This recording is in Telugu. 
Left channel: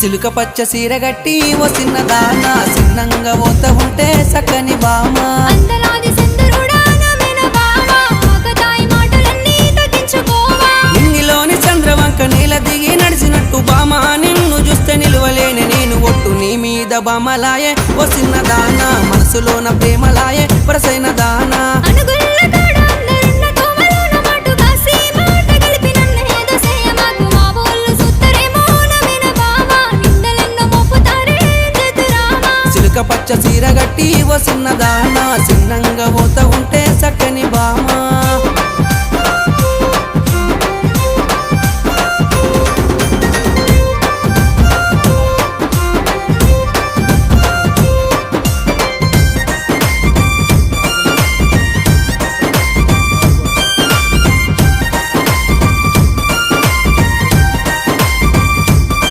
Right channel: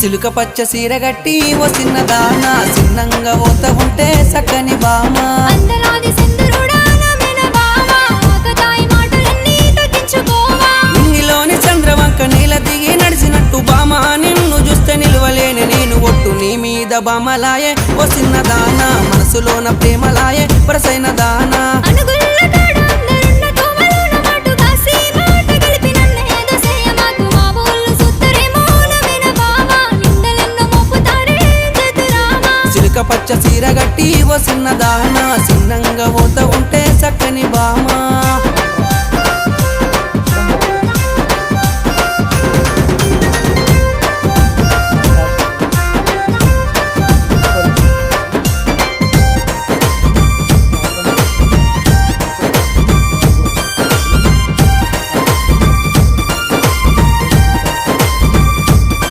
సిలుక పచ్చ సీర గట్టి ఓ చిన్నదాన చిన్నంగా పోత ఉంటే సక్కని బామ అందలాది సింధురుడా నమెన బావా ఆకతాయి మాటలన్నీ తగ్గించుకోవా నింగిలోని చంద్రవంక నీల దిగి నడిచినట్టు బామ నిన్ను చూస్తే నిలువలేని నేను ఒట్టు నీ మీద బామలాయే ఓ చిన్నదాన మనసులోన ప్రేమలాయే వరసైన దానా అనుగుల్ల కాడ అందరున్న తోమలోన మాటు కాసి మాట కలిపి నన్నేదో చేయమాకు మా ఊళ్ళు సుత్తరేమో నమెన బావా నిందలెన్నో మోపుతారే జతురామా సిలుక పచ్చ సీర గట్టి ఓ చిన్నదాన చిన్నంగా పోత ఉంటే సక్కని బామ